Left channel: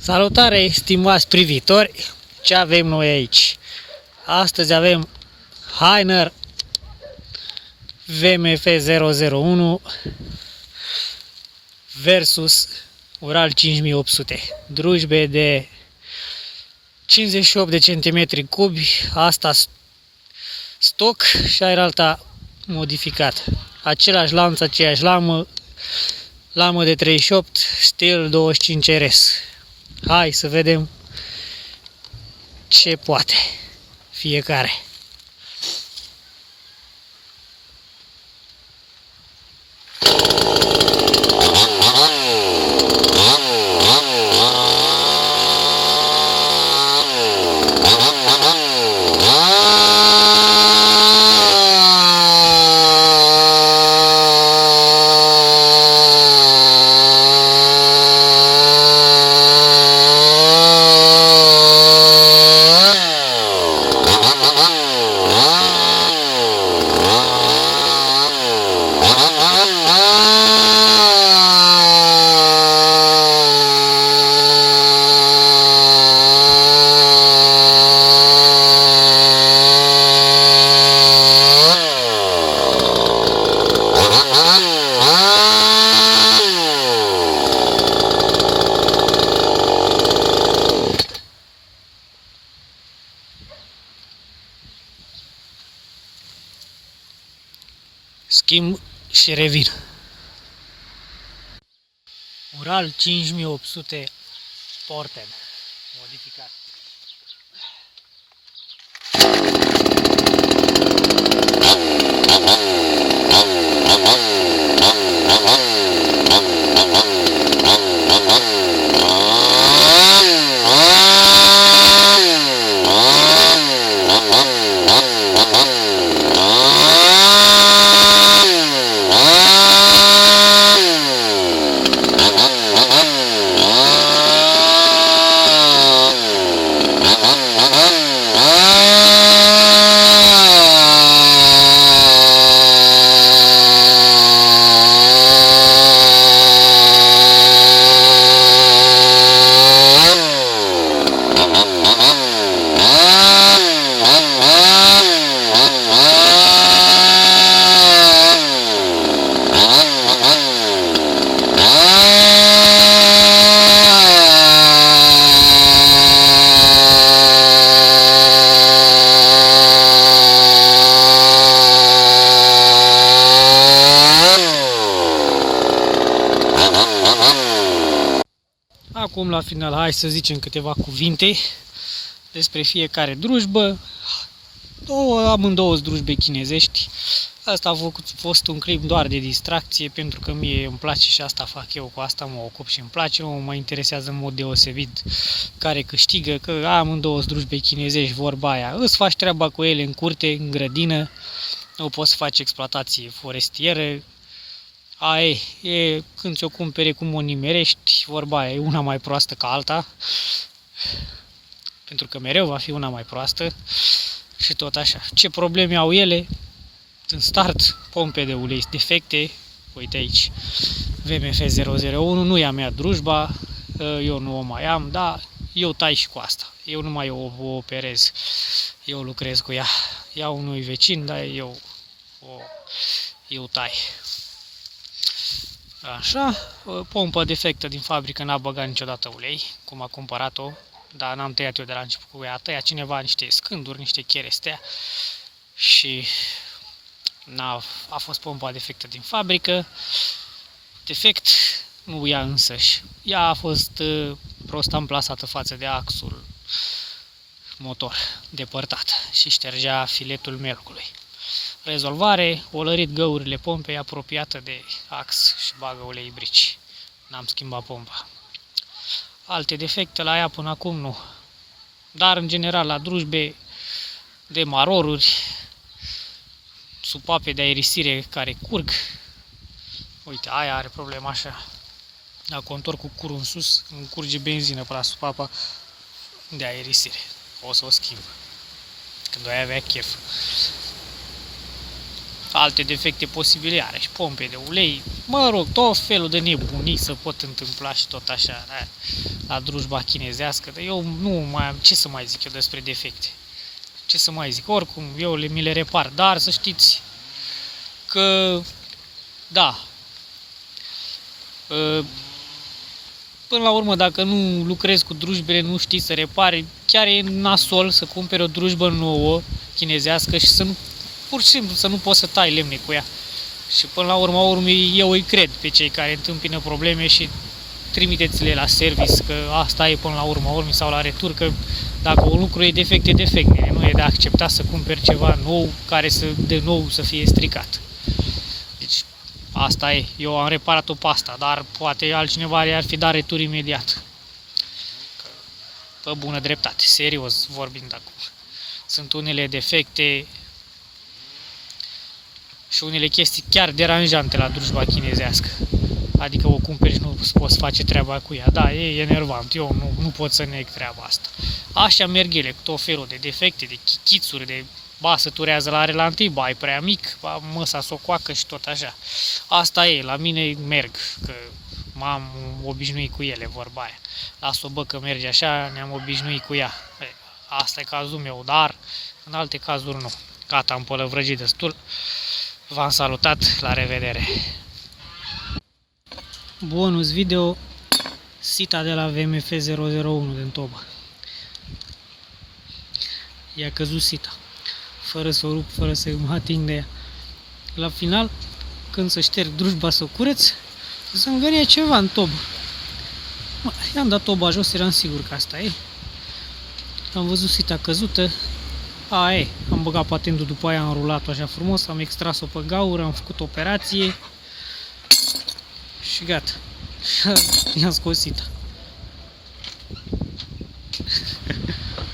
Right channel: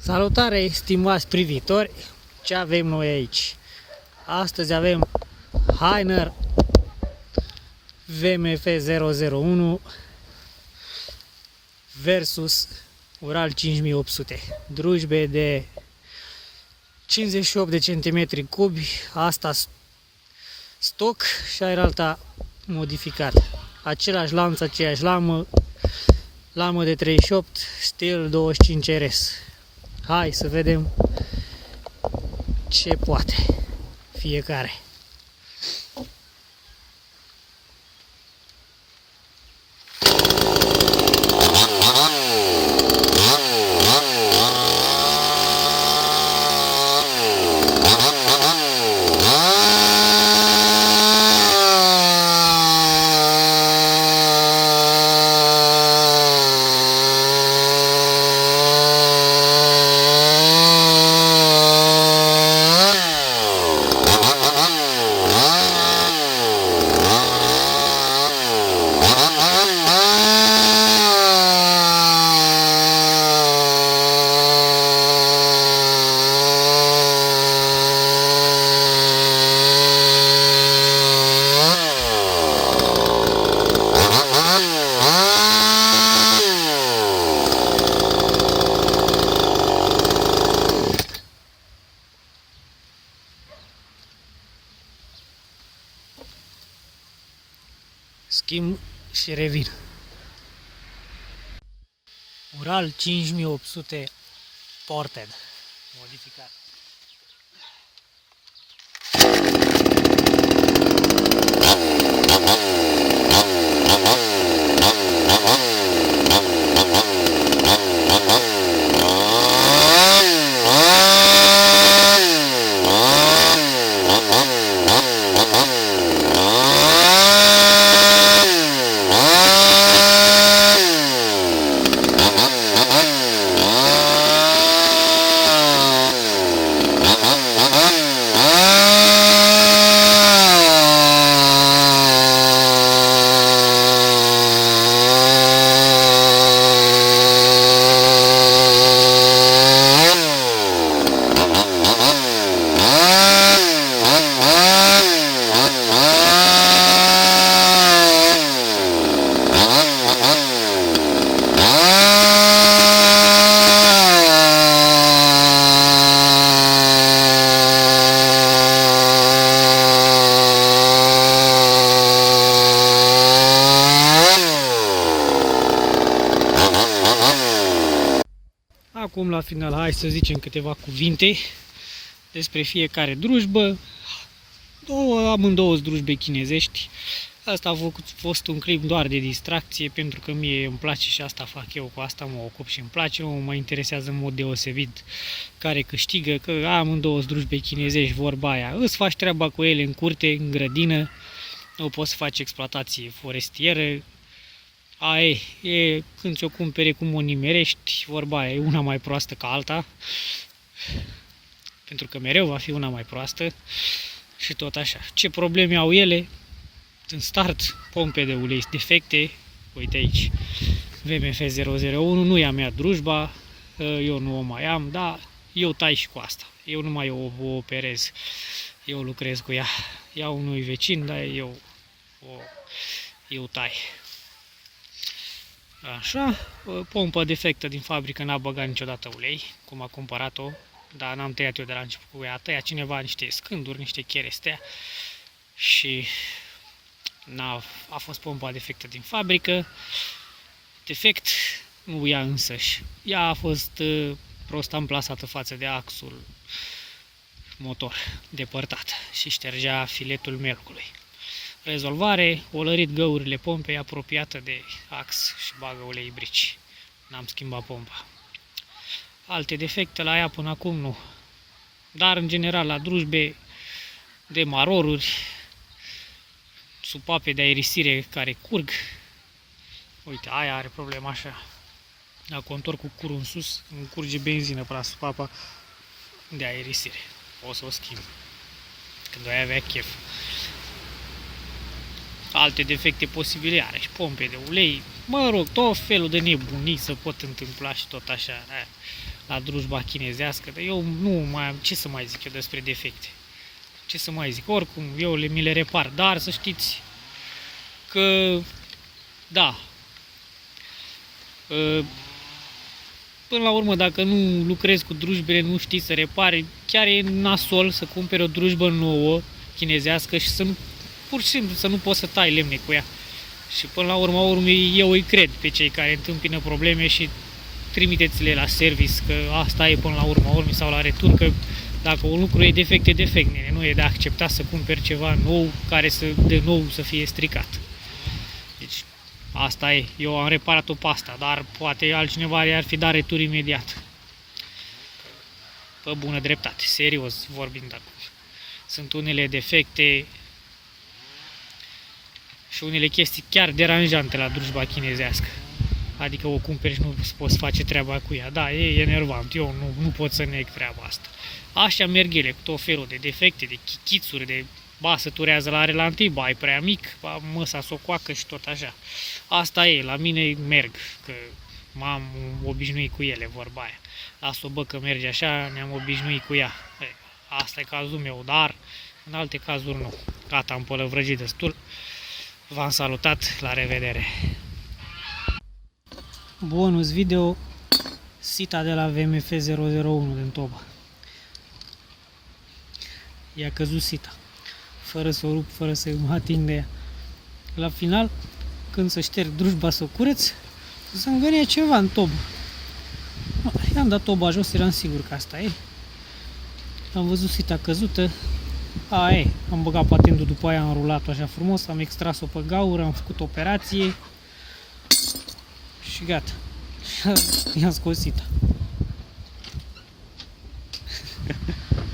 Salutare, stimați privitori! Ce avem noi aici? Astăzi avem Hainer VMF 001 versus Ural 5800. Drujbe de 58 de centimetri cubi, asta stoc și aia modificat. Același lanț, aceeași lamă de 38, stil 25 RS. Hai să vedem ce poate fiecare. Schimb și revin. Ural 5800 Ported modificat. Acum la final hai să zicem câteva cuvinte despre fiecare drujbă. Amândouă drujbe chinezești. Asta a fost un clip doar de distracție, pentru că mie îmi place și asta fac eu, cu asta mă ocup și îmi place. Nu mă interesează în mod deosebit care câștigă, că amândouă drujbe chinezești, vorba aia. Îți faci treaba cu ele în curte, în grădină, nu poți să faci exploatație forestieră. Aia e când ți-o cumpere, cum o nimerești, vorba aia, e una mai proastă ca alta, pentru că mereu va fi una mai proastă și tot așa. Ce probleme au ele? În start, pompe de ulei defecte, uite aici, VMF 001, nu i-a mea drujba, eu nu o mai am, dar eu tai și cu asta, eu nu mai o operez, eu lucrez cu ea, iau unui vecin, dar eu tai. Așa, pompă defectă din fabrică, n-a băgat niciodată ulei, cum a cumpărat-o, dar n-am tăiat eu de la început cu ea, a tăiat cineva niște scânduri, niște cherestea și a fost pompa defectă din fabrică. Defect nu ea însăși, ea a fost prost amplasată față de axul motor depărtat și ștergea filetul melcului. Rezolvare, o lărit găurile pompei apropiată de ax și bagă ulei brici. N-am schimbat pompa. Alte defecte la ea până acum nu. Dar în general la drujbe de maroruri, supape de aerisire care curg. Uite, aia are problema așa. Dacă o întorc cu curul în sus, îmi curge benzină pe la supapa de aerisire. O să o schimb când o avea chef. alte defecte posibile are și pompe de ulei, mă rog, tot felul de nebunii se pot întâmpla și tot așa, da, la drujba chinezească, dar eu nu mai am ce să mai zic eu despre defecte. Ce să mai zic, oricum eu mi le repar, dar să știți că, da, până la urmă, dacă nu lucrezi cu drujbele, nu știi să repari, chiar e nasol să cumperi o drujbă nouă, chinezească și să nu, pur și simplu să nu poți să tai lemne cu ea. Și până la urmă, eu îi cred pe cei care întâmpină probleme și trimiteți-le la service, că asta e până la urmă, sau la retur, că dacă un lucru e defect, e defect, nu e de acceptat să cumperi ceva nou, care de nou să fie stricat. Deci, asta e, eu am reparat-o pe asta, dar poate altcineva ar fi dat retur imediat. Pe bună dreptate, serios vorbind acum. Sunt unele defecte și unele chestii chiar deranjante la drujba chinezească. Adică o cumperi și nu poți face treaba cu ea. Da, e enervant, eu nu pot să neg treaba asta. Așa merg ele, cu tot felul de defecte, de chichițuri, de se turează la relantii, e prea mic, măsa s-o coacă și tot așa. Asta e, la mine merg, că m-am obișnuit cu ele, vorba aia. Las-o că merge așa, ne-am obișnuit cu ea. Asta e cazul meu, dar în alte cazuri nu. Gata, am pălăvrăgit destul. V-am salutat, la revedere! Bonus video, sita de la VMF 001 din Toba. I-a căzut sita, fără să o rup, fără să mă ating de ea. La final, când să șterg drujba să o cureț, zângănie ceva în tobă. I-am dat toba jos, eram sigur că asta e. Am văzut sita căzută. Am băgat patentul, după aia am rulat-o așa frumos, am extras-o pe gaură, am făcut operație și gata. I-am scos sita.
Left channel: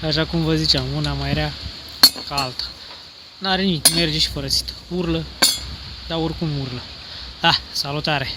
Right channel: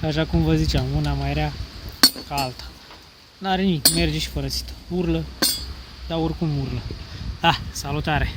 Așa cum vă ziceam, una mai rea ca alta. N-are nimic, merge și fără sită. Urlă, dar oricum urlă. Salutare!